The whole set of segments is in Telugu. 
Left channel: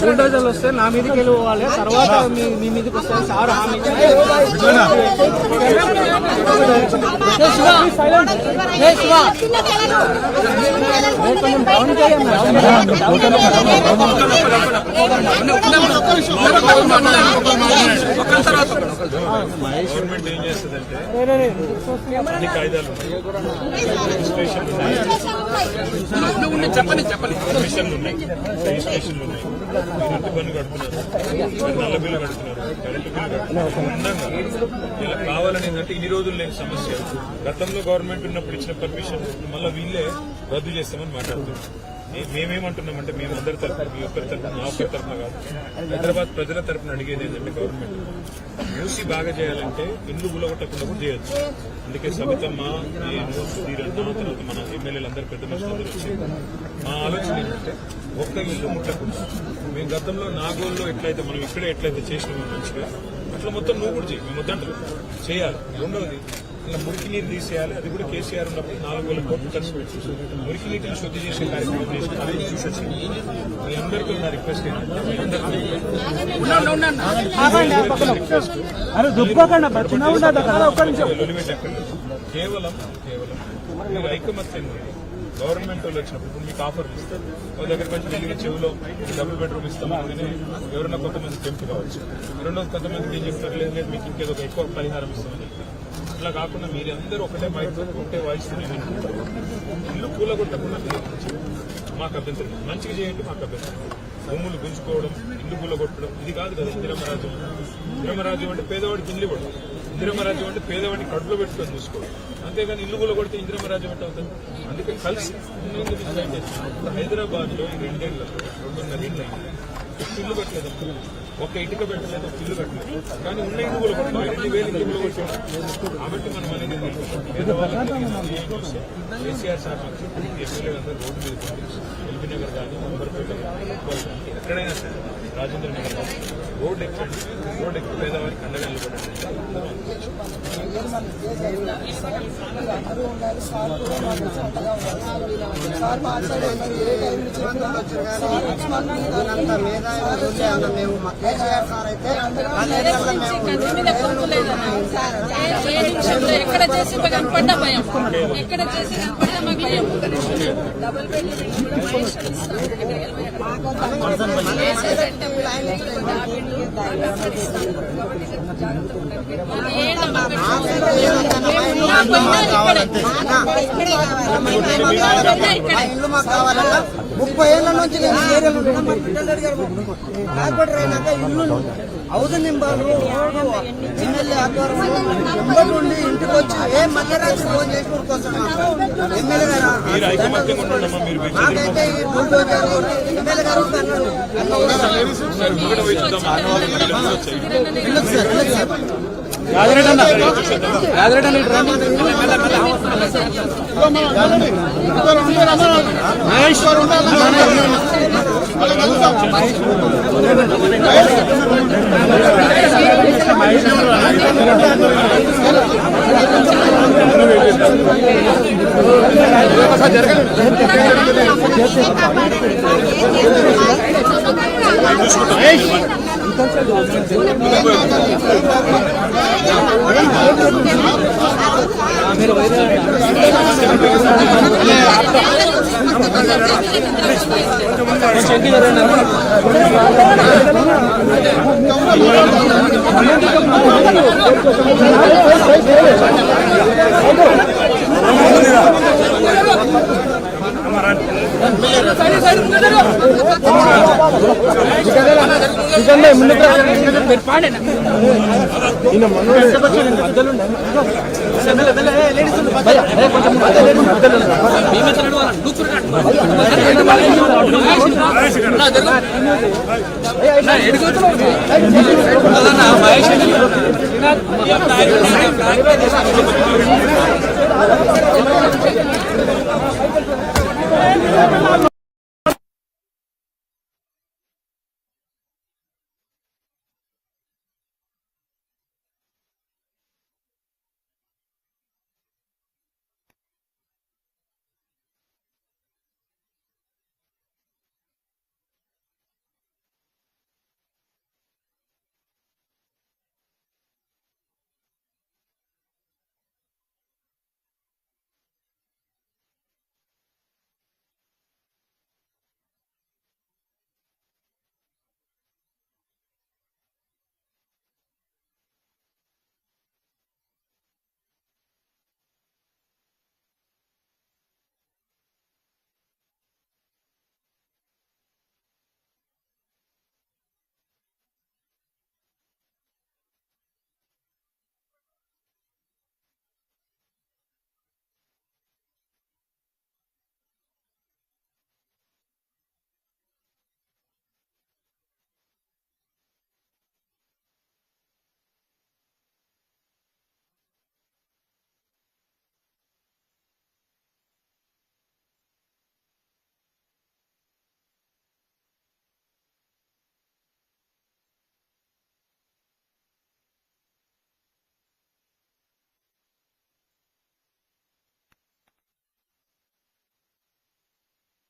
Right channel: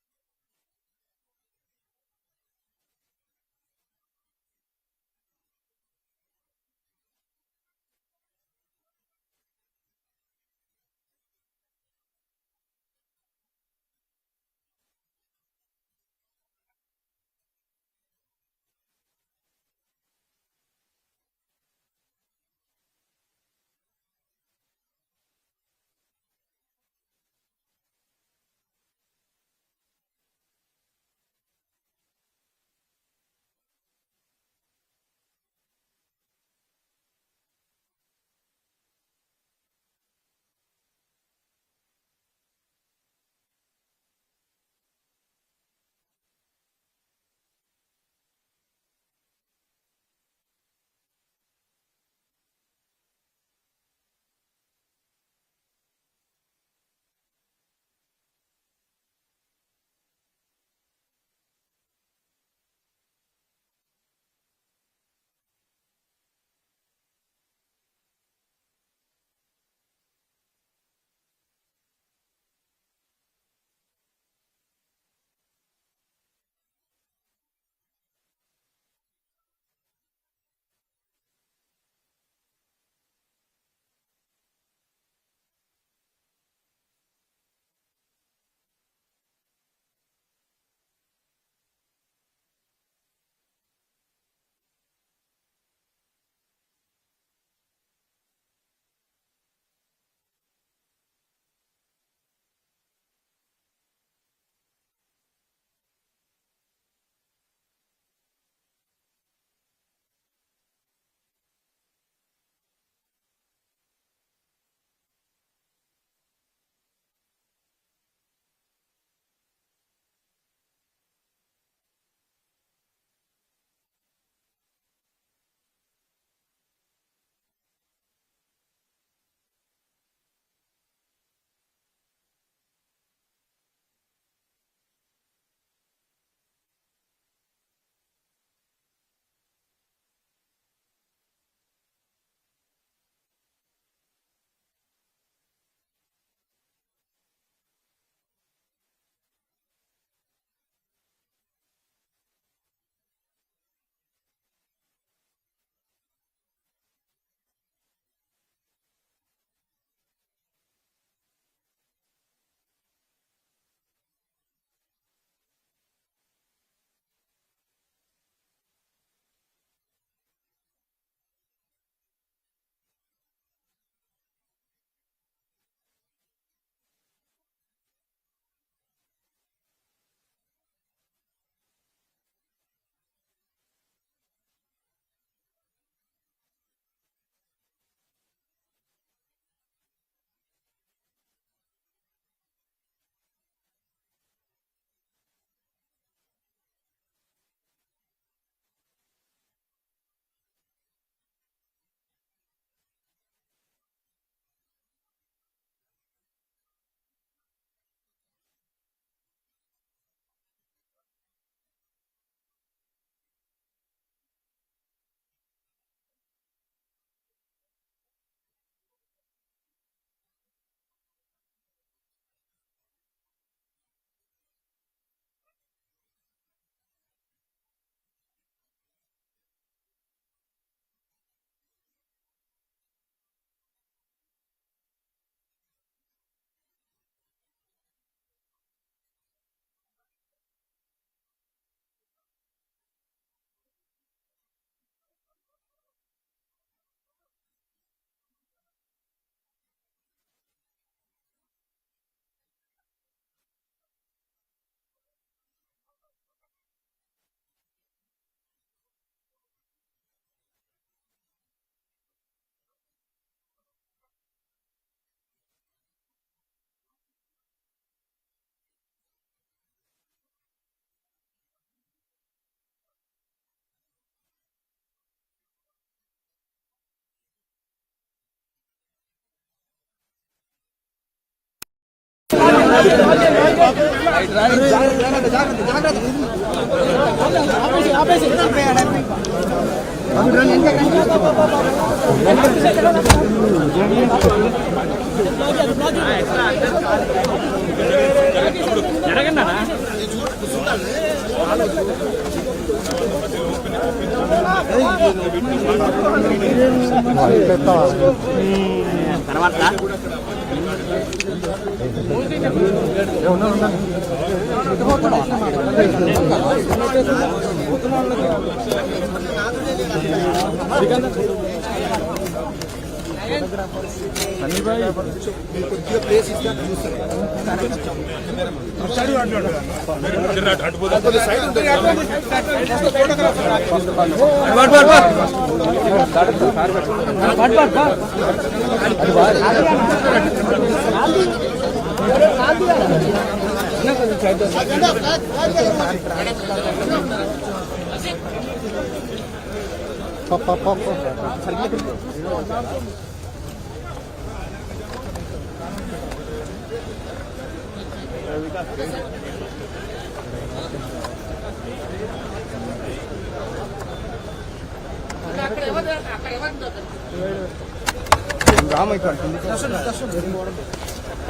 బుల్డోజర్లు వస్తే నా మీదకి వెళ్ళి పోవాలి, తర్వాత మీ మీదకి వస్తే సార్ హామీ గవర్నమెంట్ ఏం చేస్తుందంటే అన్ని కాయిదాలు కమిషన్లు ఉన్నాయి, రిజిస్ట్రేషన్లు ఉన్నాయి, ఇంటి పన్ను కడుతున్నారు, నల్ల బిల్లు కడుతున్నారు, కరెంటు బిల్లు కడుతున్నారు. ఇలా కావాలని ఏంటంటే ఇన్ని రోజులు లేని సమస్య. గతంలో గవర్నమెంట్ ఉన్నప్పుడు ఇచ్చిన పర్మిషన్ మళ్ళీ వీళ్ళే రద్దు చేస్తామని మాట్లాడుతున్నారు. మేమేమంటున్నామంటే మేము అందరి తరఫున, మీ ఒక్కరి తరఫున, నా ఒక్కరి తరఫున కాదు, హైదరాబాద్ ప్రజల తరఫున అడిగేది ఏంటంటే గవర్నమెంట్ మూసి బాగా చేయాలంటే ఇల్లు గులగొట్టకుండా కూడా చేయొచ్చు. అందుకే సబితమ్మ, నేను, సుధీరన్న, తర్వాత మన ఎమ్మెల్యేలు అందరూ పెద్ద మనుషులందరూ వచ్చి మా ఆలోచన ఏంటంటే ఒక్క ఇల్లు ముట్టకుండా మేము గతంలో నాగోల్లో ఎట్లయితే మనం ఇక్కడే ఎట్లయితే చేసినామో మంచిగా అట్లా మొత్తం నువ్వు కూడా చేయి. మేము వద్దంటారు చేయాలి. రెండవది ఇలా మురికి నీరు తీసేయాలి. అది కూడా కేసీఆర్ ఉన్నప్పుడు 4,000 కోట్లు ఖర్చు పెట్టి మురికి నీటిని శుద్ధి చేసే కార్యక్రమం చేసి అది తీసొచ్చింది. మీ అందరికీ నా రిక్వెస్ట్ ఏంటంటే కేవలం మీరు ఐకమత్యం గవర్నమెంట్ వాళ్ళు వచ్చినప్పుడు ఇప్పుడు మీకు ఆఫర్లు ఇస్తారు. వాళ్ళ దగ్గర కొంచెం వెళ్ళి చెవులో డబుల్ బెడ్రూమ్ ఇస్తాం అందుకని ఎవరైనా కొంతమంది టెంప్ట్ కావచ్చు. రెండోది కొంతమందికి ఏం చెప్తారు, లేదు లేదు మీకు ఇంకేదో ఎక్కువ పరిహారం ఇస్తామని చెప్తారు. అట్లా కాకుండా మీరందరూ ఒకటే మైక్ ఒకటే వాయిస్ ఇల్లు కూలగొట్టకుండా మాకు అభ్యంతరం, మంచిగా చేయండి, మాకు అభ్యంతరం. భూములు గుంజుకోవడం, ఇల్లు కూలగొట్టడం ఇది కాదు కదా ఇందిరమరాజ్యం. ఇందిరమరాజ్యం అంటే పేదవాడికి ఇల్లు ఇవ్వడం, ఇందిరమరాజ్యం అంటే పేదవాడిని కడుపులో పెట్టుకొని చూసుకోవడం. అంతేగాని ఇల్లు కూలగొడితే ఇందిరమరాజ్యం అంటే అవుతుంది. అందుకని కలిసి హైదరాబాద్ లో ఈ 2 ఏళ్లలో 2.5 ఏళ్ళు అయింది, ఇల్లు కట్టలేదు, ఒక ఇటుక పెట్టలేదు, ఒక ఇల్లు కట్టలేదు. కానీ ఉన్న ఇల్లు కూడా కొట్టాలి, 2,000 ఇల్లు కొట్టాం. కాబట్టి మనం అనేది కేసీఆర్ సార్ ఎమ్మెల్యేలందరూ రోడ్డు మీద ఎల్బీ నగర్ కానీ, అంబర్పేట కానీ, ఎక్కడైనా సరే రాజేంద్ర నగర్ కానీ రోడ్డు ఎక్కండి, రోడ్డు ఎక్కి పేదవారికి అండగా నిలబడండి. ఎక్కడ చేసి కనపడ్డా భయం, ఎక్కడ చేసి కనపడ్డా మాకు భయం. డబుల్ బెడ్ ఇల్లు మాకు కావాలన్నా 30 ఏళ్ల నుంచి ఇల్లు హౌసింగ్ నింబాలు ఎమ్మెల్యే ఆధ్వర్యంలో నుండి ఇంటికి వచ్చి ఏ మధ్యరాత్రి ఫోన్ చేసుకుని కోసం ఎమ్మెల్యే గారు మాకైతే ఈ బుల్డోజర్ ఎమ్మెల్యే గారు ఆపేసి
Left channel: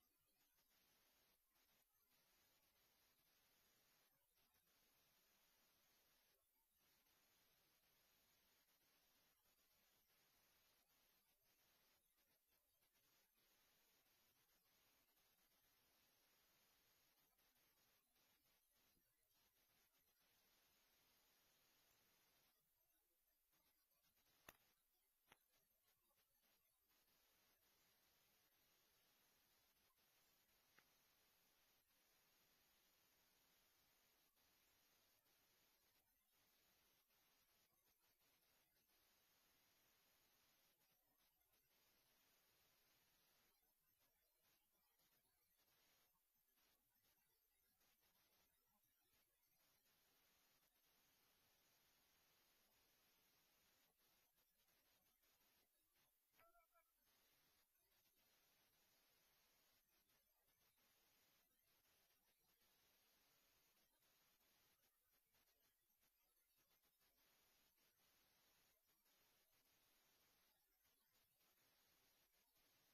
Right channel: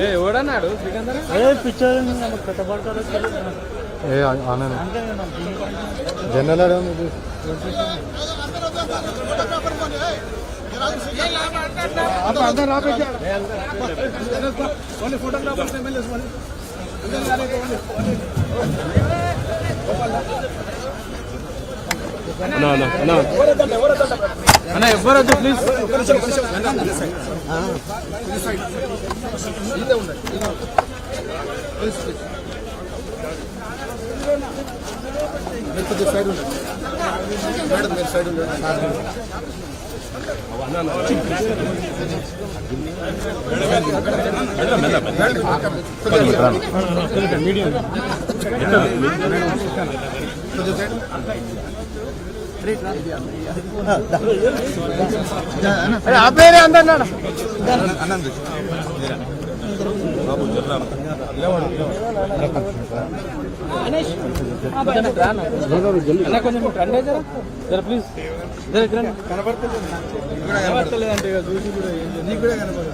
ఎవడన్నాడు సికందర్ జనరల్ అందరూ రాపేసా ఫోటోగ్రాఫర్స్ ఎమ్మెల్యేస్ అన్న ఎవ్వరొద్దు ప్లీజ్. ఆపేరే అందన్నాడు కొంచెం రండి జర ప్లీజ్ కనపడతలేదంటే చూసి కూడా నీకు కూడా కనపడదు.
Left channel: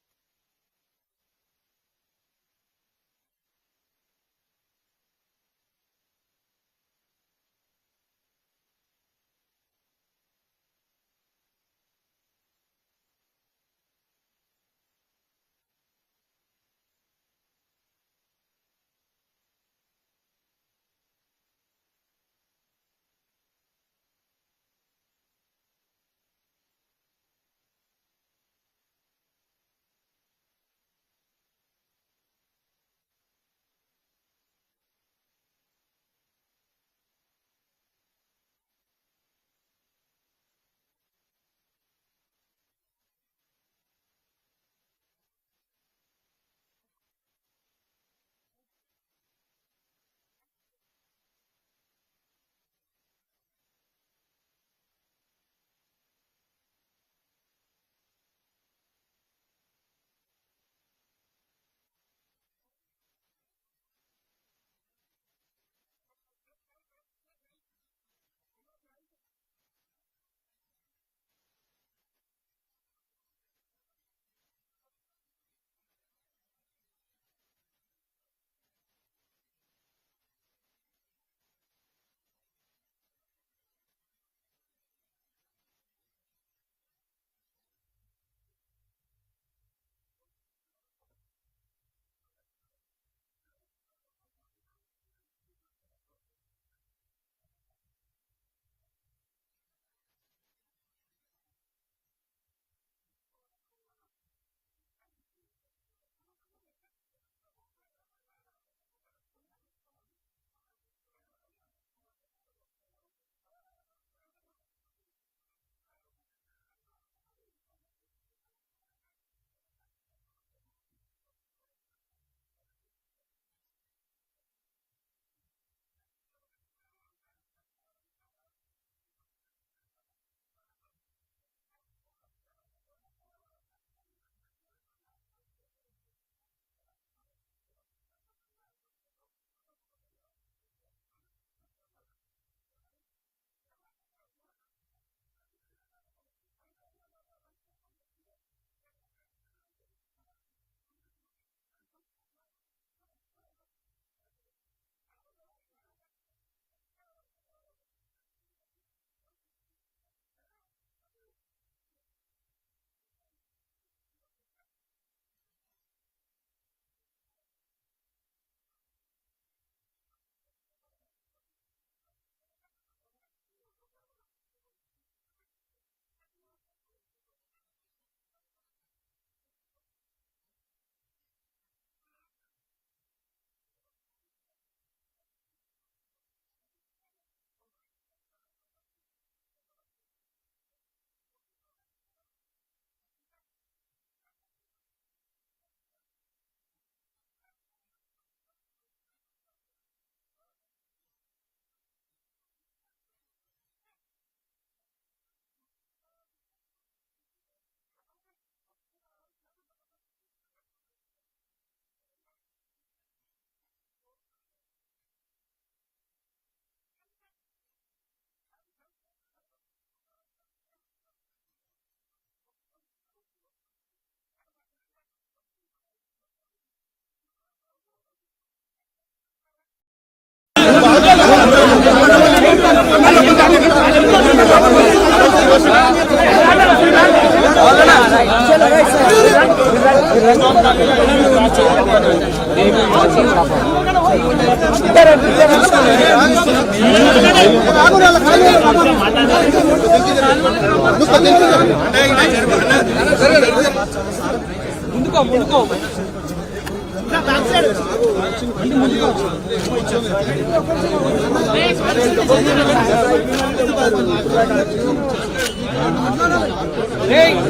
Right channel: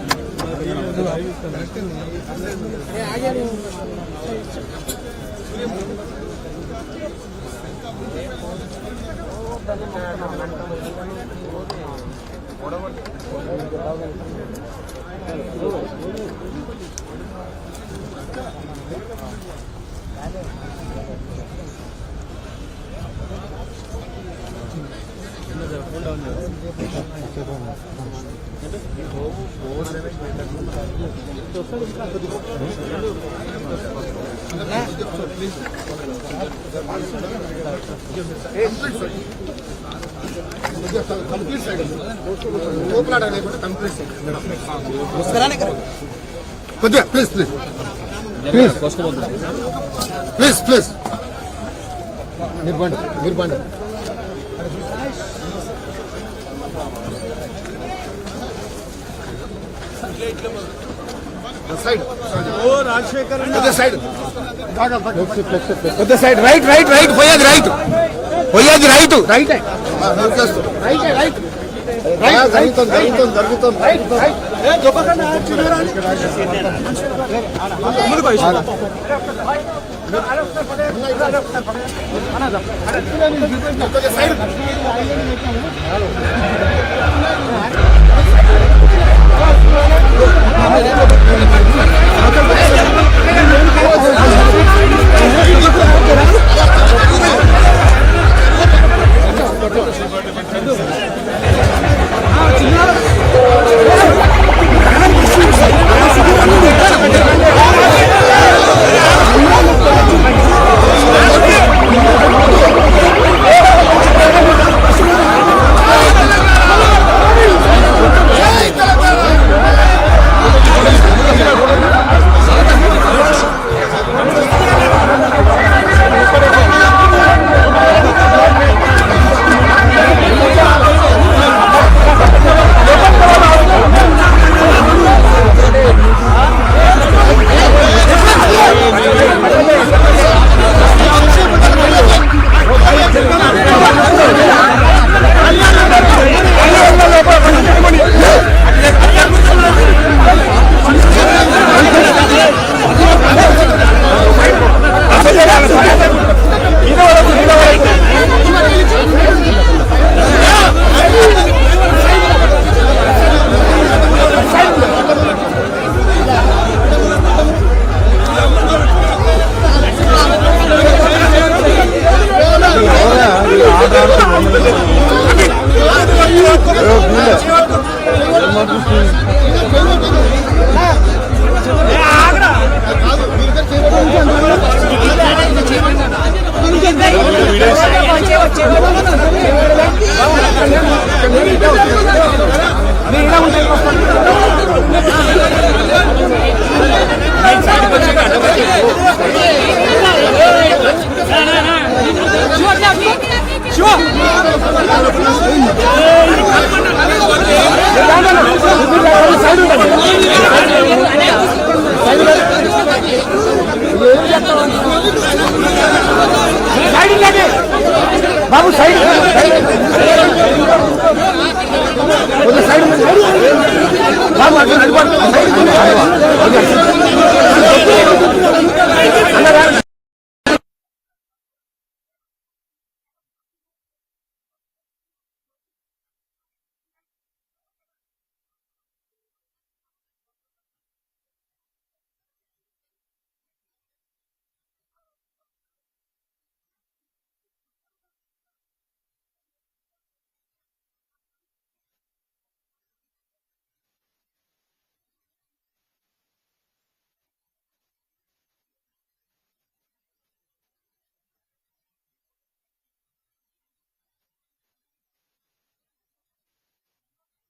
కొద్దిగా please please please please please మీరు బండి side Rajasekhar side side right right right పోయేది రైట్ పోయేది రైట్ రైట్ రైట్ రైట్ జరుగుతుంది జరుగుతుంది జరుగుతుంది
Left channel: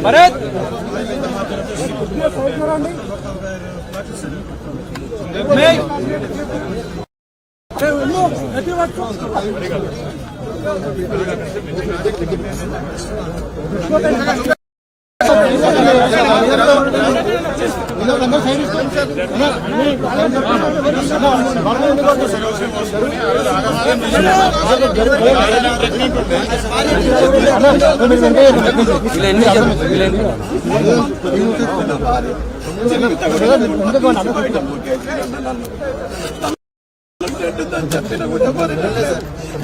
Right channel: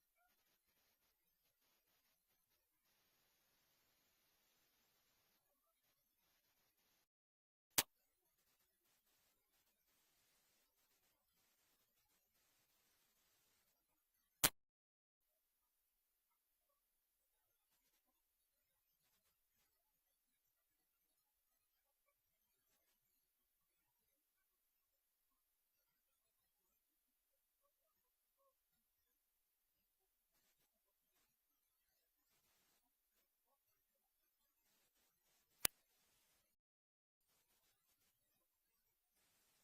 భరత్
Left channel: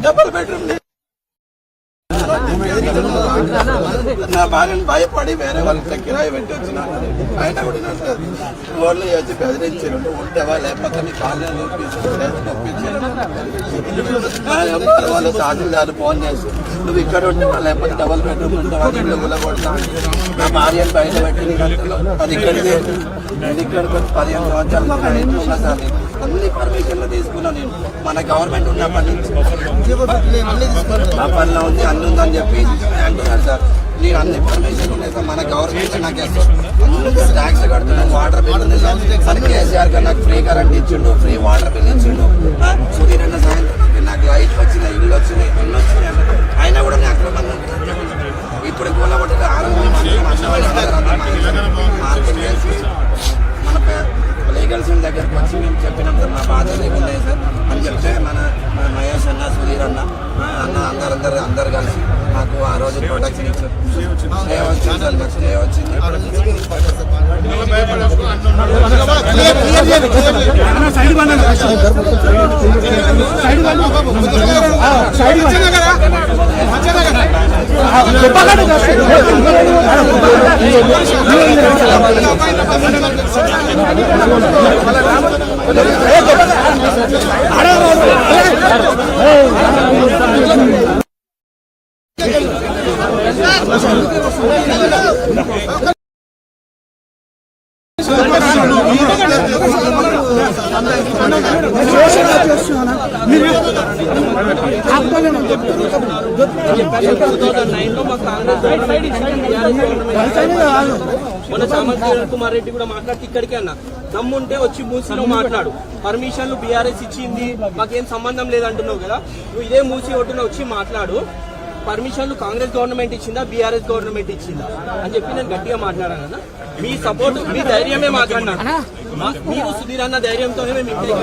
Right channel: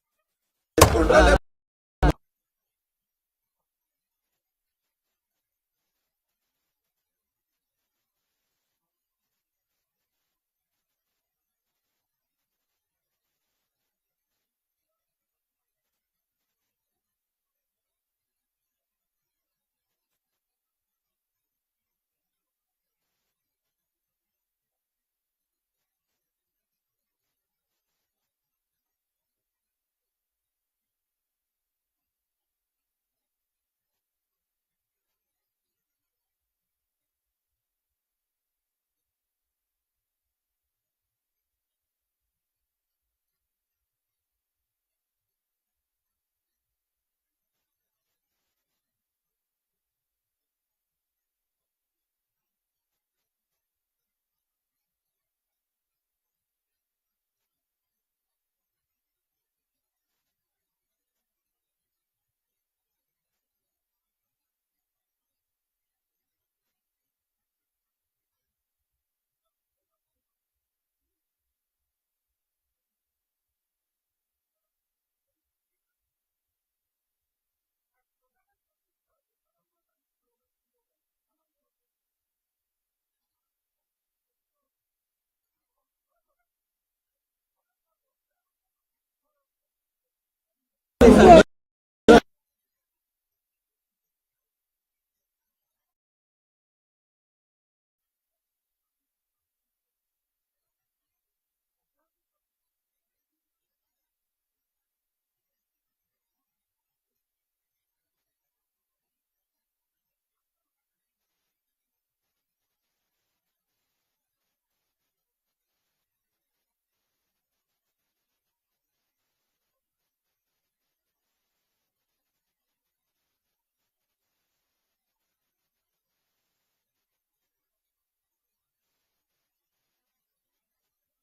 డబుల్ బెడ్రూమ్ తీసుకుంటా నా భార్యను భయపడి వేరే వాళ్ళకి కిరాయి పెట్టి వచ్చిన ఆయన కూడా రోడ్లు వచ్చి బెదిరించారు ఉంటావా లేకపోతే నీ కాళ్ళని వాళ్ళు తహసీల్దారు ఫోన్ చేసి నువ్వు ఇక్కడ ఉంటావా లేకపోతే డబుల్ బెడ్రూమ్ ఉంటావా ఇల్లు కొడతా నా భార్యను బయట పెట్టి అది ఇక్కడికి నేను ఇక్కడికి వచ్చి 15 సంవత్సరాలు ఉన్నా సార్ అన్ని పర్మిషన్లు తీసుకున్నా నేను మన గవర్నమెంట్ ఉన్నప్పటి నుంచి నా పనిలో ఉంది అన్ని ఉందని చెప్పి అంటున్నారు సార్ నేను అన్ని పర్మిషన్ ఉన్నాయి సార్ మన గవర్నమెంట్ నాకు అందులో ట్యాక్స్ కడుతున్నాను వాటర్ బిల్ ఉంది సార్ మన కేసీఆర్ గారు నాకు ఫ్రీ కరెంట్ ఇచ్చిండు ఫ్రీ వాటర్ బిల్ ఇచ్చిండు సుధీర్ అన్న సాయంత్రం నాకు లైట్ వచ్చినాయి ఇల్లు వచ్చినాయి అన్ని వచ్చినాయి అయినా కూడా నేను అక్కడ మంది ఇప్పుడు కూలబట్టి మార్కెట్ చేసి మన లీగల్స్ దగ్గరికి వచ్చి మేము చెప్పినంత మా బాధ లేకుండా సార్ అని చెప్తే మన మహేష్ అన్న సుధీర్ అన్న అందరు కలిసి నాకు ఆ రోజు ప్రొటెక్షన్ ఇచ్చారు స్టే వచ్చింది సార్ నాకు స్టే వచ్చింది మన సామంత్ కుమార్ రెడ్డి కూడా మాట్లాడితే ఇక్కడికి అన్న దమ్ముంటే వచ్చి మూసీలో మాట్లాడు పర్మిషన్లు బీఆర్ఎస్ ఇచ్చింది మాకేం సంబంధం లేదంటున్నావు కదా నువ్వు ఇదే మూసీ ఒడ్డున వచ్చి మాట్లాడు పర్మిషన్లు కాంగ్రెస్ గవర్నమెంట్ ఇచ్చిందా బీఆర్ఎస్ గవర్నమెంట్ ఇచ్చిందా అని చెప్పి నేను గట్టిగా మాట్లాడాను అన్న మీ సపోర్ట్ మీ ధైర్యమే మాట్లాడినాను మీరు సుధీర్ అన్న ధైర్యంతోనే మేము ఇంటి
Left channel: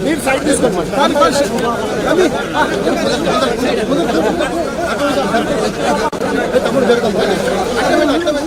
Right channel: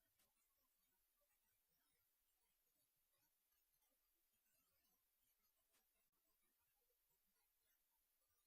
మీరు సైడ్ తీసుకోండి.